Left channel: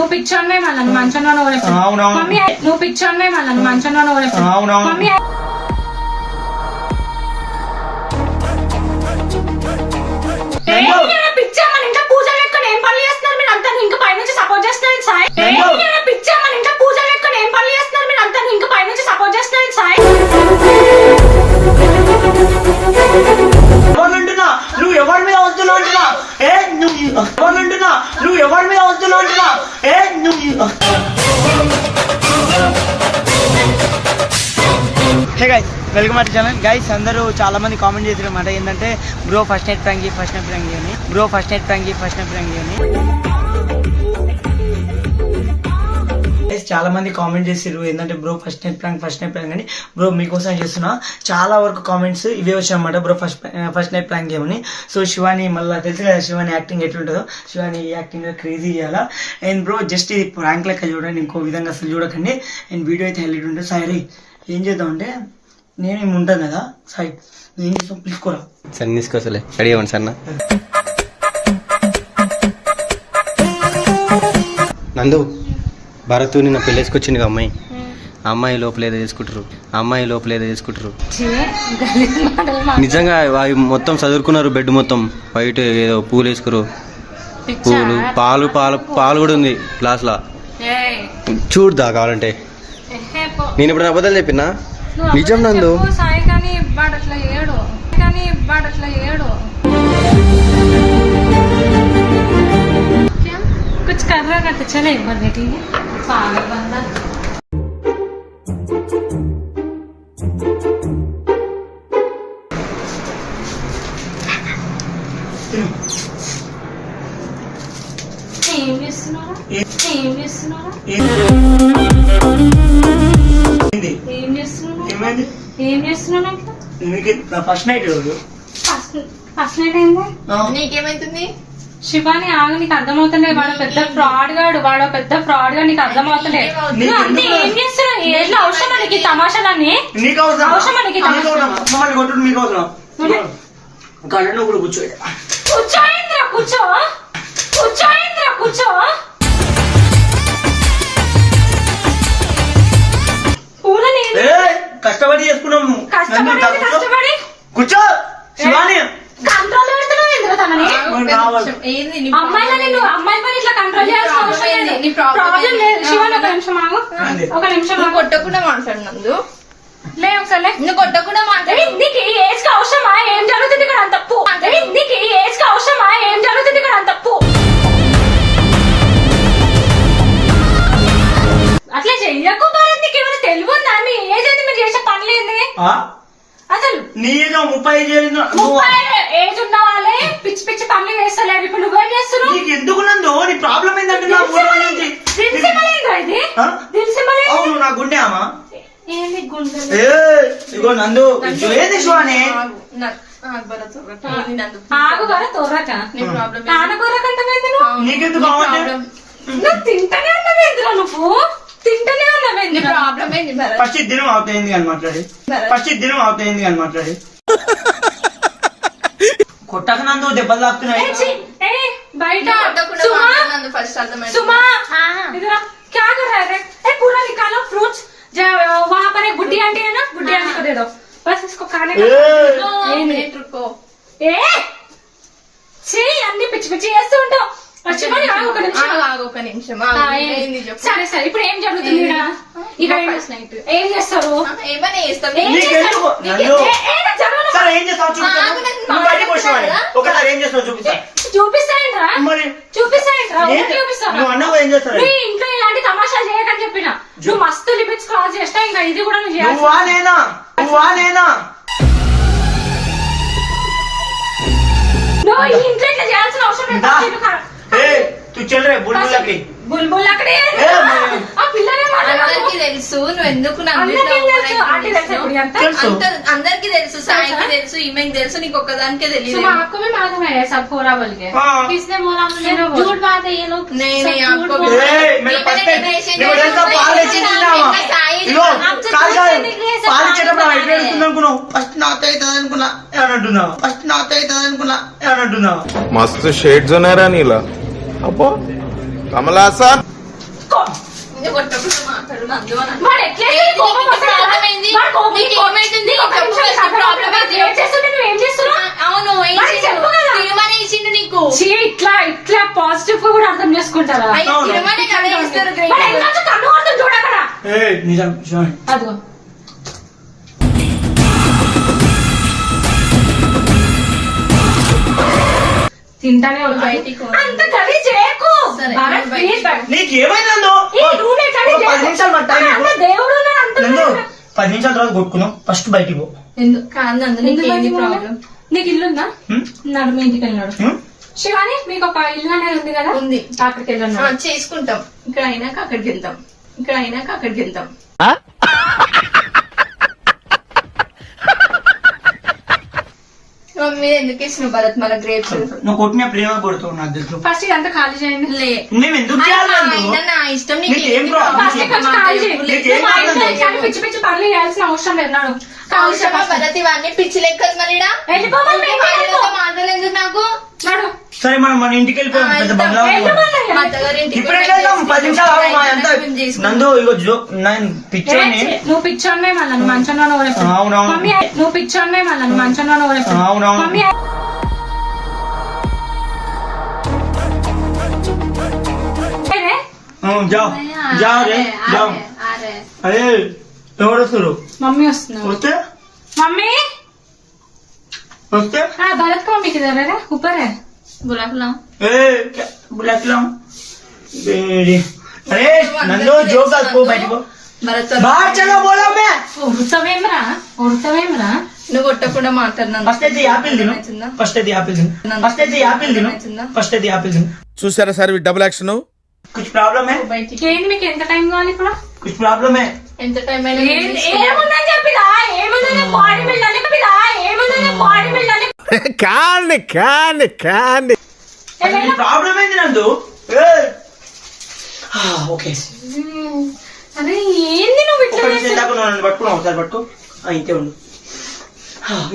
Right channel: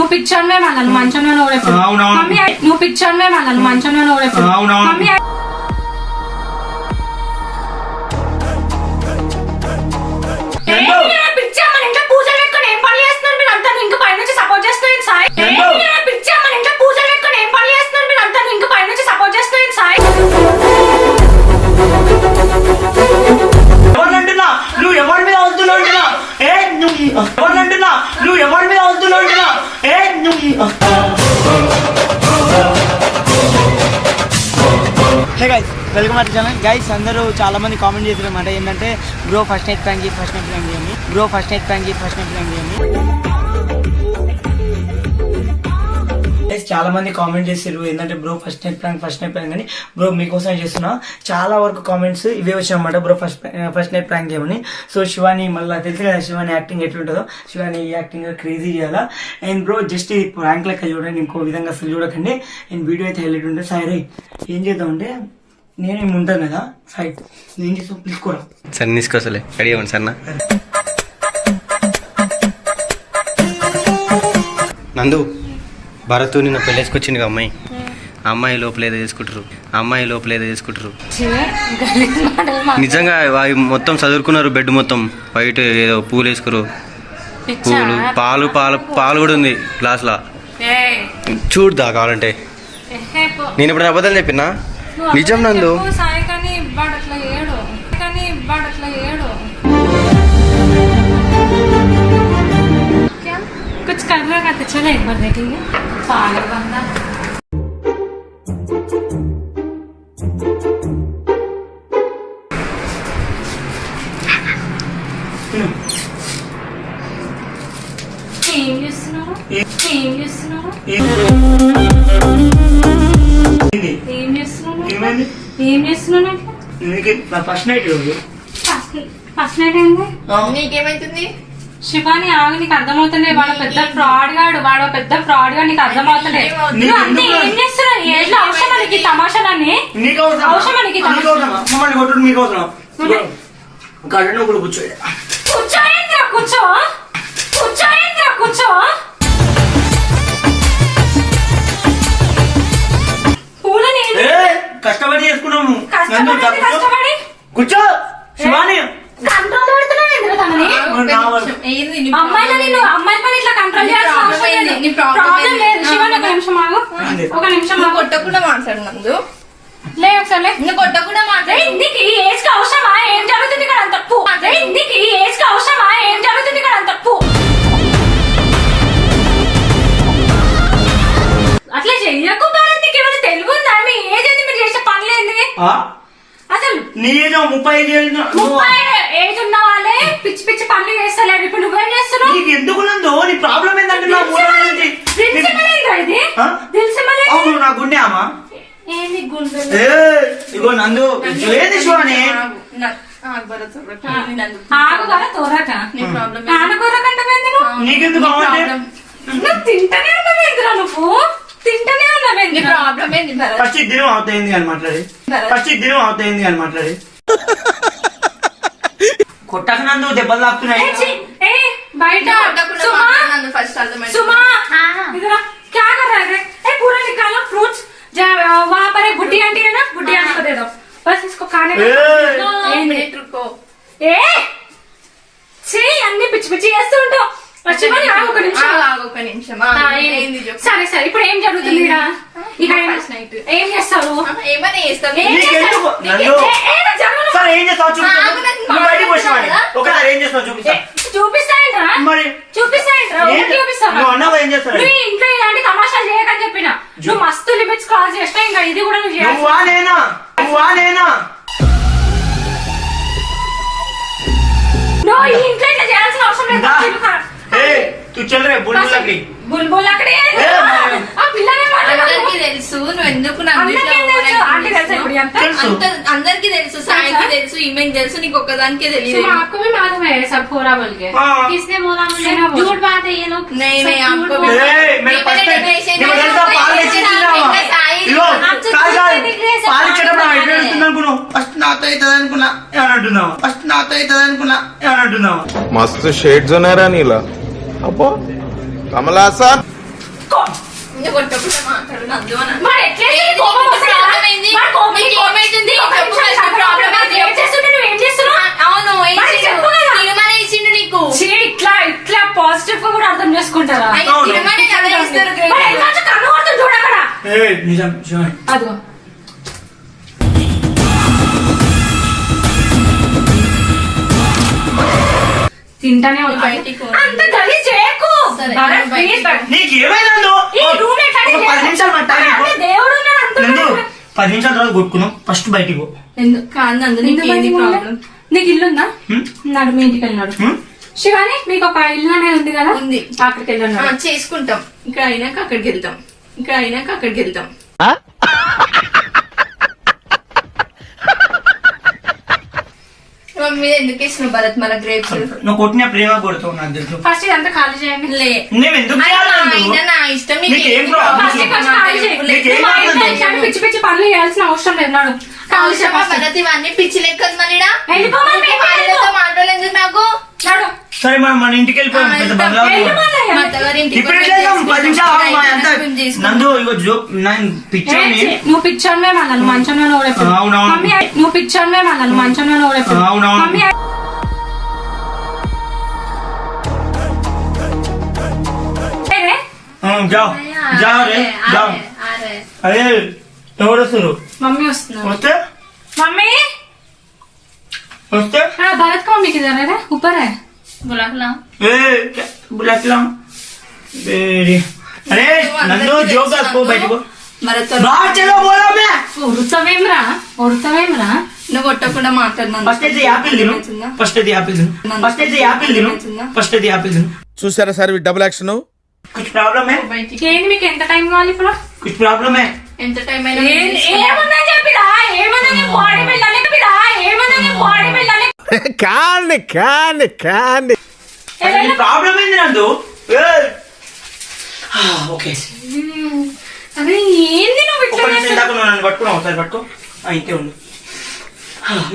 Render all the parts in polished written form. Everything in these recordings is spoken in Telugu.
నువ్వు పిచ్చోన్వే మళ్ళీ మంచంలో మమ్మీ నువ్వు పిచ్చోన్వే మళ్ళీ మంచంలో మమ్మీ పిచ్చా మన ఇంట్లో పూజలు పెట్టుకుని ఏం పనులు చేస్తున్నారు మీరు అంతా ఇంకా పై నుంచి సపోర్ట్ చేస్తున్నారు సాయి పిచ్చా మన ఇంట్లో పూజలు పెట్టుకుని ఏం పనులు చేస్తున్నారు మీరు అంతా ఇంకా పై నుంచి సపోర్ట్ చేస్తున్నారు సాయి నువ్వు ఎవరి మీద వస్తున్నావు అంటున్నా నువ్వు ఎవరి మీద వస్తున్నావు అంటున్నా hey guys welcome to channel guys. అందరూ చాలా మంది కామెంట్ చేశారన్నమాట ఏంటంటే బ్రో ఫస్ట్ నైట్ ప్రాంక్ అని చాలా మంది కామెంట్ చేశారు ఏంటంటే బ్రో ఫస్ట్ నైట్ ప్రాంక్ అని. బ్రో మీకోసం చేస్తున్నా చాలా వరకు కామెంట్స్ ఇవే వచ్చాయన్నమాట బ్రో ఫస్ట్ నైట్ ప్రాంక్ చేయమని. సో శివాని మళ్ళీ తెలుసు కదా శివాని యాక్టింగ్ ఎట్లుంటుందో, శివాని యాక్టింగ్ క్రేజీ చేయాలా. అండ్ బ్రో జస్ట్ ఇది ప్రాంక్ లెక్క చూడండి, ఇంకో విధంగా అసలు చూడకండి. అండ్ వీడియో అయితే హైలైట్ ఉంటుంది. సారీ ఏం చేద్దామంటే నేను ఏమి ఉంటాను కదా సాయి ఏం చేస్తాం పిలుచుకోరా సార్ తీసుకోసలే రెడీ అవ్వండి సార్. నందు భరత్ నిన్న పెళ్ళేసుకొచ్చింది అమ్మాయి, అమ్మాయి లోపల ఏదో చేసుకుంటారు. నిజంగా మొత్తం చదువుకున్నారు, బెడ్ మొత్తం బయట ఏదో పూలు వేసుకురు, పాలు కూడా ఉంది గ్లాస్ లా. చూడదా కావాలంటే నేను ఇప్పుడు అబద్ధాలు చెప్పినా నిజం నందు. कुछ कर रहा था चले एक बार देखेंगे पागल बंदा. ఫస్ట్ నైట్ నీకేమైతుంది శివాని ఆగు, నీకు అర్థమవుతుండే వాడు పెద్ద ఫ్రాడ్ గా నీకు అర్థమవుతుండే. ఏం చేస్తున్నావు ఏదో అవసరం మనకి తమాషాలని అవసరం మనకి కూర్చో పూలని కష్టపడి చేసుకున్నాము కూర్చో శివాని. కంట్రోల్ పెడుతున్నావు ఎందుకు తనని? అమ్మాయి పని ఇట్లా కంట్రోల్ చేయాల్సిన అవసరం లేదు. ప్రాబ్లం లేదు. శివన్ ఒక నిమిషం ఆగు, ఒక నిమిషం కొట్టకుండా మాట్లాడినందు లే ఒకసారి నువ్వు కొట్టకుండా మాట్లాడి ఇందుకి ఏజ్ కి అవసరమా ఏం జరుగుతుంది ఇక్కడ తప్పు. ఇందుకి ఏజ్ కి అవసరమా ఏం జరుగుతుంది ఇక్కడ తప్పు. అట్లా చెయ్యకు భారత్, ఏమైనా తెలుగు ఉందా? మీ ఏజ్ ఏంది, మీరు చేసే పనులేంది అసలు? నీ ఏదో 35 ఏజ్ ఉన్న వాళ్ళే పిచ్చి పిచ్చి పనులు చేస్తలేరు. ఇప్పుడు నువ్వేం చేస్తున్నావు? నీకు ఎందుకు నందు? నీ ప్రాబ్లం ఏంటంటే నా గుండె అమ్మా ఏంది గుండె? ఇగో నందు ఏది శివాని ఆగుగర తోరక ఆనగొరకంటే నీకెందుకు నువ్వు తింటనే ఉన్నావేంద్రా, నువ్వు తింటనే ఉన్నావేంద్ర. ప్రాబ్లం ఏంది? ఫస్ట్ ఇద్దరు అవుతాయింది అని మాట్లాడి కొట్టక నందు దెబ్బలు తాకుతున్నాయి బయట. ఫస్ట్ అర్థమైంది. सुमा इधर क्या कर रहा है? पूरा निकालो फ्रूट्स, वहाँ पर एक बुड्ढी आंटी है ना, बुड्ढी आंटी को दे दो बस, इसको खाने को. అన్ని పిచ్చి పిచ్చి చేస్తూ ఉంటావు. ఒక నిమిషం సరే సరే, ఇప్పుడు ఏం జరుగుతుంది? ఇక ఏం చేస్తావు? ఏమన్నా చేస్తావు? చూపిస్తాయంట్రా ఇంట్లో ఇలాంటి తమాషాలు చేయకని చెప్పిన. నువ్వు మస్తు లిమిట్స్ క్రాస్ చేస్తా, ఇంకా ఇది కూడా నువ్వు ఈ ఇంట్లో ఇట్లా చేయాల్సిన అవసరం లేదు. బుల్బుల్ అక్కడే అందరికి తెలుసు. నువ్వు ఎందుకు అందరికి తెలుసు, సాయికి తెలుసు, ఈమెకి తెలుసు, నీకు ఒక్కదానికే తెలియదు. आपको भी मालूम है सब पूरा बोल के किसने बोला? झूठ बात है ये लोग. नहीं आपको ఫస్ట్ నాతో అవుతుంది అనుకున్నా मस्त शेड्स ఉన్నారా నీలా అబ్బో కమలాసన్ నువ్వు కొట్టకుండా మాట్లాడు నందు అని అన్నా. మరి ఎట్లా ఏంది నీకు కోపం ఇంత వస్తుంది? ప్రాబ్లం ఏంది? మరి కోపం- నీకు ఏమైతుంది? నీకు ఒక చెప్పు, నిమిషం నీకు ప్రాబ్లం ఏంది? ఏం చేస్తుంటే నువ్వు ఏం చేస్తున్నావు? అవును ఏం మరి చేసావు? చెప్పు కదా. తినమని ఇచ్చిండు నీకు. చీ, ఇట్లా పాజిటివ్ గా కూడా అర్థం చేసుకుంటారా? అయ్యో, తినమని కదా ఇస్తారు మరి ఎందుకు కన్ను కొడుతుంది చూడు అక్కడ. నిజం శివాని అదిగో తింటానే ఉంటా. బయటికి పో. అంత గలీజ్ చేయకు. సరే, భరత్, నేను బయటికి please, భరత్. నీకు ఏమైనా ఈ roommate అని ఒక 10 నిమిషాలు మా టైం ఇవ్వు. అంటే దేవుడు ఉన్నాడు అంటున్నాడు. నందు 10 నిమిషాల తర్వాత కొట్టుకున్నాం ఫస్ట్ బయటికి పో. ఎందుకు? కాదు నందు నీకు ఎందుకు ఏంది బయటికి ప్రాబ్లం? పోవాలి? నీకు ఇల్లు ఉందా? హ్మ్? నాడు మీ ఇంటికి వెళ్ళినాడు. హ్మ్? శివాని మీకు ఒక ఇల్లు అనేది ఉంది కదా? ఉంది. అక్కడికి వెళ్ళినాడు. చేసుకుంటాం. ఇక్కడ అయినాక అక్కడికి వెళ్తాం. ఇక్కడ అయినాక అక్కడికి వెళ్తాం. మమ్మీ ఎందుకు ఇస్తున్నావు భరత్ మన గ్రేప్స్? నువ్వు కొట్టిన ప్రేమ కొడుతావు నాకు తెలుసు. ఫస్ట్ ఇదంతా ఖాళీ చేయండి. లే నేను ఎందుకు చేయాలి నందు? అయినా నా ఇష్టం. నీకు ఏం ప్రాబ్లం? ఫస్ట్ కొంచెం ఖాళీ చేయి. నీకు ఏం మా ఇంట్లో కావాలి? ఇట్లాంటి పిచ్చి పిచ్చి పనులు చేయాల్సిన అవసరం లేదు. నాడు అవసరమా భరత్ ఇవన్నీ పిచ్చి లెక్కలు మళ్ళీడా? వెళ్ళిపోమని ఊరికే మేము వాళ్ళతో మాటలు ఎందుకు నాకు? నాడు సరే మన ఇంటికి వెళ్ళిపోయాం పెద్ద వెళ్తాం. బంగ్లా వెళ్ళిపోమని. మా అత్తగారింటికి ఇప్పుడు పోయి ఎట్లా వెళ్దాం? 10 చేసుకుంటాం. నిమిషాలు ఆగు, మా అయినా అంతా మేము చేసుకుంటాం. నందు ఇగో నేను పిచ్చోని నువ్వు పిచ్చోన్నే మళ్ళా నువ్వు మంచంలో ఓడెప్పుడు. అవునవును. మమ్మీ నువ్వు పిచ్చోన్నే మళ్ళా నువ్వు మంచంలో ఓడెప్పుడు. అవునవును. మమ్మీ జావ్ జావ్ రే జావ్. అరే అరే ఎవరు వస్తారు? మమ్మీ వస్తున్నారు. వస్తే మమ్మీ వస్తే भरत को मम्मी किधर है रे? ऊपर है. बुला खिला ए बुलाता हूँ बेरी. अरे नंदू जो का को बैठो భరత్ बाहर चलो बोलो मैं ఉడతవేమ్రా ఉడతవేమ్రా. నువ్వు కొట్టకుండా మాట్లాడినా फर्स्ट అయితే యాపిల్ తిను ఫస్ట్ అయితే యాపిల్ తిను ఫస్ట్ అయితే యాపిల్ తిను ఫస్ట్ అయితే యాపిల్ తిను. చూసారా సార్ డబుల్ యాక్షన్. कुछ प्रॉब्लम है? బయటికి ఏంది మీకు ఎంత టైం కావాలి ఇప్పుడు? कुछ प्रॉब्लम है? ఎంత టైం అయినా ఏముందని చెప్పిరా? ఏముందని బాడీ బిల్డర్ చెప్పిరా? ఏముందని బాడీ బిల్డర్ కాండి కాండి కాండి. अरे प्रॉब्लम है नंदू. ఓకే అరే ఏంది నువ్వు ఇట్లా ఒక్కటి చేస్తున్నావు? దాకా నన్ను పట్టుకున్నావు ఒకసారి పట్టుకో ఇంతే ఉండు.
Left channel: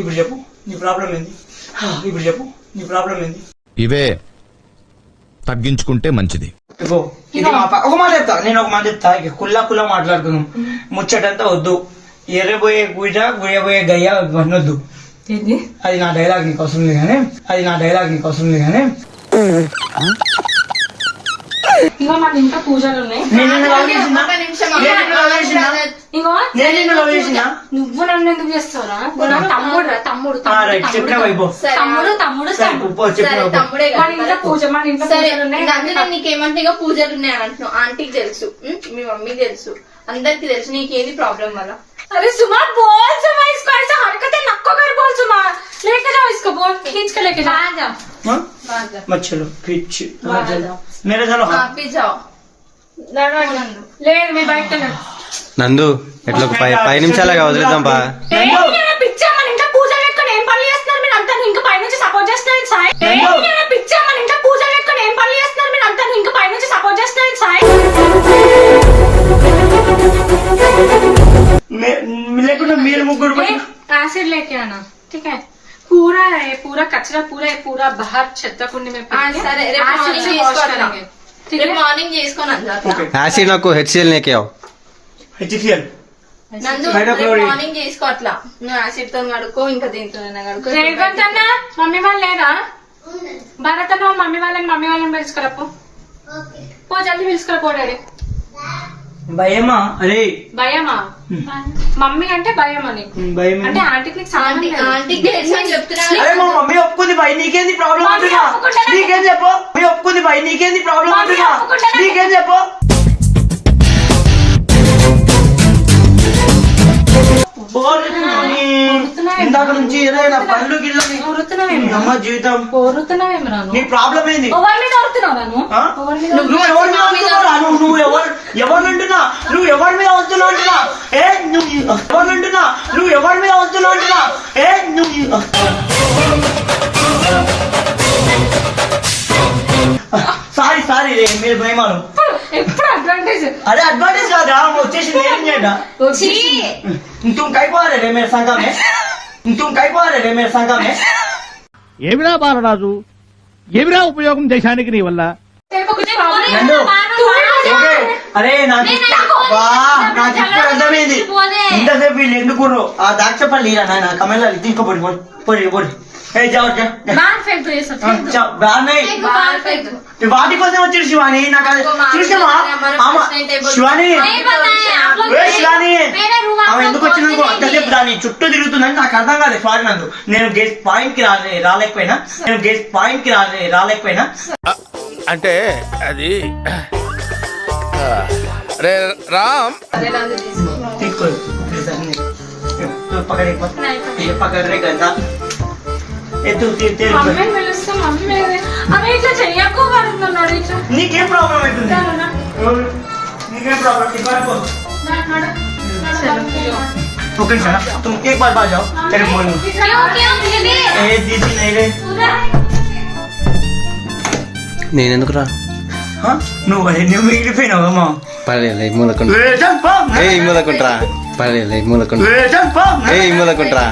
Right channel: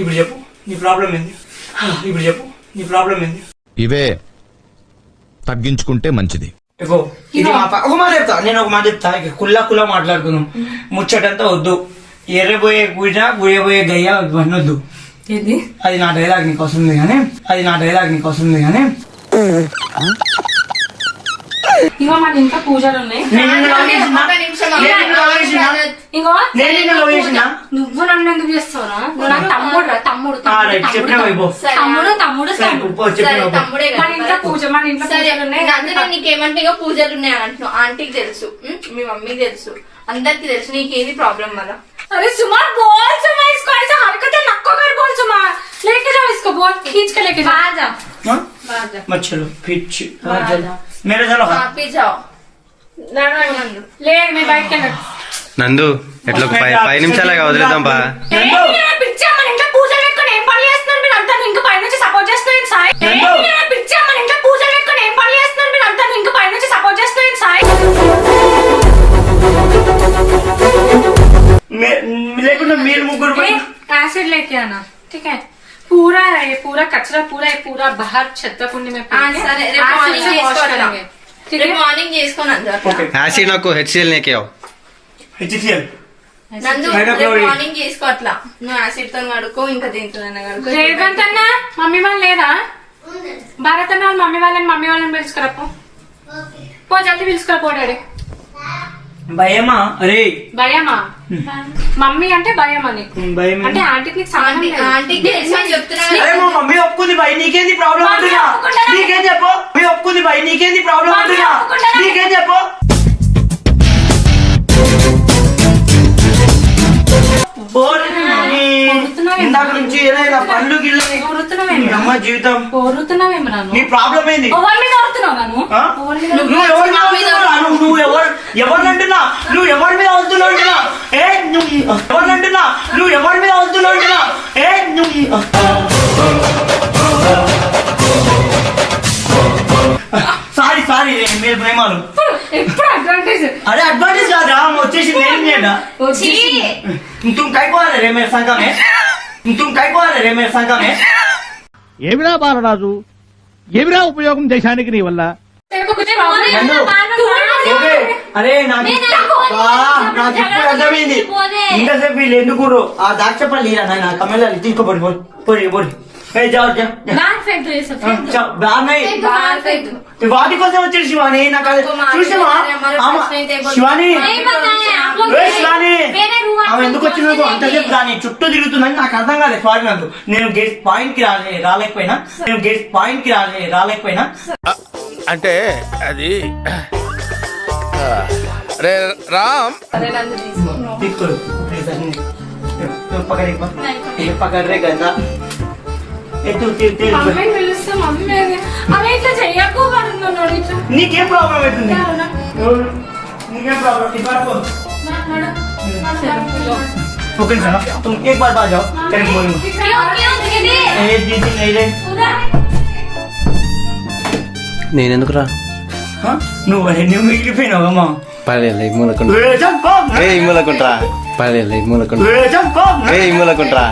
ఇప్పుడు చెప్పు నీ ప్రాబ్లం ఏంది? ఇప్పుడు చెప్పు నీ ప్రాబ్లం ఏంది? ఇవే తగ్గించుకుంటే మంచిది. ఇగో ఇది ఒక మాట చెప్తా, నేను ఒక మాట చెప్తా. ఇక కుల్లా మాట్లాడుకుందాం. ముచ్చటంతా వద్దు. ఎర్రబోయే గుజ గుయబోయే గయ్య ఇవన్నీ వద్దు. ఏంది? అది నా డైలాగ్ నీకు అవసరం లేదు కానీ ఇగో మన ఇంట్లో పూజలు ఉన్నాయి. నేను నిన్ను లవ్ చేసినా? ఒక నిమిషం నేను నిన్ను లవ్ చేసినా? ఇగో నేను నిన్ను లవ్ చేసినా? నువ్వు నన్ను ఎందుకు చేస్తావురా? నువ్వు నా తమ్ముడు రా, తమ్ముడు రైట్ చెప్పినా వైపు సరే. తమ్ముడు సరే చెప్పిన సరే తమ్ముడే మన ఇంట్లో మన ఇంట్లో సరే పూజలు ఉన్నాయి. నందు నీకేమంటే ఇగో పూజలు ఉన్నాయి అంటున్నావు. ఆంటీకి తెలుసు, మీ మమ్మీకి తెలుసు, అందరికి తెలుసు. నీకేది ప్రాబ్లం వల్ల? अरे सुमा बोल सुमा इसको ऐसा हरकतें नक्को कर बोल सुमा लेके जाओ इसको बोल खींच के लेके जाओ बाहर जा मत चलो फिर मेरे चलो हाँ ఆపి जाओ నందు ले मैं बाइक के लड़ నందు ఎట్లా ఒక 5 నిమిషాలుగా వదిలేద్దాం బా. పిచ్చా మన ఇంట్లో పూజ పెట్టుకొని ఏం పనులు చేస్తున్నారు మీరు అంతా ఇంకా పై నుంచి సపోర్ట్ చేస్తున్నారు సాయి పిచ్చా మన ఇంట్లో పూజ పెట్టుకొని ఏం పనులు చేస్తున్నారు మీరు అంతా ఇంకా పై నుంచి సపోర్ట్ చేస్తున్నారు సాయి లేకుండా మీరు ముగ్గురు పోయి एसिड लेके आना ठीक है पूरा कचरा पूरा बाहर छत कुंडी में फेंक के సరే రేపు acid మార్నింగ్ से wash చేసుకోవాలి. करेंगे ठीक రేపు है మార్నింగ్ చేసుకోను నందు అట్లా. ఓకే యాసిడ్ నాకు హెచ్సిఎల్ నేకే హెచ్సిఎల్ నందు హైడ్రోక్లోరిక్. రేపు మార్నింగ్ చేసుకో అట్లా. నువ్వు యాసిడ్ తో కడుకో ఇంకా దీంతో కడుకో. రేవంత్ అన్న మమ్మీ వాళ్ళు లేదా? భారత్ అన్న వాళ్ళ మమ్మీ వాళ్ళని పిలుచుకురా పో జల్దీ పిలుచుకురా పో డాడీ. భయమా? అరే భయమా? మమ్మీ అంటే భయం అని భయం అంటే ఆంటీకి నీకు సంబంధం లేదు. ఆంటీకి తెలుసు అని చెప్తున్నా. అరే మా మమ్మీ ఒప్పుకుంది భయ్, నీకేంది ప్రాబ్లం మమ్మీ అంటున్నా? ఒప్పుకుంటారా? నీకేం చెప్పు? మమ్మీ ఒప్పుకుంది భయ్, నీకేంది ప్రాబ్లం మమ్మీ అంటున్నా? ఒప్పుకుంటారా? నీకేం చెప్పు? ఇందాక నుంచి ఏదైనా పళ్ళు గిల్లని కోరుతున్నావేమో అమ్మ జీవితం కోరుతున్నావేమో రాను నీ ప్రాబ్లం ఏంది? ఎవరి మీద కోరుతున్నావు రాను ఆ? ఎవరి మీద నువ్వు ఎవరి మీద వస్తున్నావురా? నువ్వు ఎవరినంటున్నా? నువ్వు ఎవరి మీద వస్తున్నావు అంటున్నా? ఏ నువ్వు ఎవరినంటున్నా? నువ్వు ఎవరి మీద వస్తున్నావు అంటున్నా? ఏ నువ్వు సారీ మీరు ప్రేమాలు. ఎప్పుడు అడ్వాంటేజ్ अरे एडवांटेज కాదురా, వచ్చేసి నేను చేయడా. तुम काय को आ रहे मेरे संग में? तुम काय को आ रहे मेरे संग में? ఏమిరా బాలరాజు, ఏమిరా ఉపయోగం దేశానికి నీ వల్ల? तेरे को कुछ प्रॉब्लम నందు, ఓకే. అరే నాకు నాకు ఇప్పుడు అర్థమైంది ఇంతసేపు వీళ్ళు ఎందుకు ఆ దాక్షపల్లి నాయన కమెలా తీసుకోపోయి పోయి పోయి వాటి కోసం వచ్చాడు శివాని. నాకు చూసావా శివాని, శివాని ఆమె ఎందుకు వచ్చింది అంతసేపు దాని చుట్టూ తిరుగుతుందని నాకు అర్థం కాదు. సారీ నందు, నేను గెస్ట్ పాయింట్ కి రాలేకపోయినా అంటే అది రే రామ్ తీసుకో పకడే కదా ఎత్తు మమ్మీని పిలుస్తూ మమ్మీ అవి ఇట్లా చెయ్యకు వాడు నన్ను అడిగించు. నీకేం ప్రాబ్లం అవుతుంది? నీకేం ప్రాబ్లం? ओके सर तुम एक बार बाहर जाओ तेरे बोल ए दीदी नहीं रे నేనెందుకు రా నువ్వు మిగిలిపోయినావమ్మా పర్లేదు మూలకుంటా ఏ మూలకుంట్రా పర్లేదు మూలకుంటా ఏ మూలకుంట్రా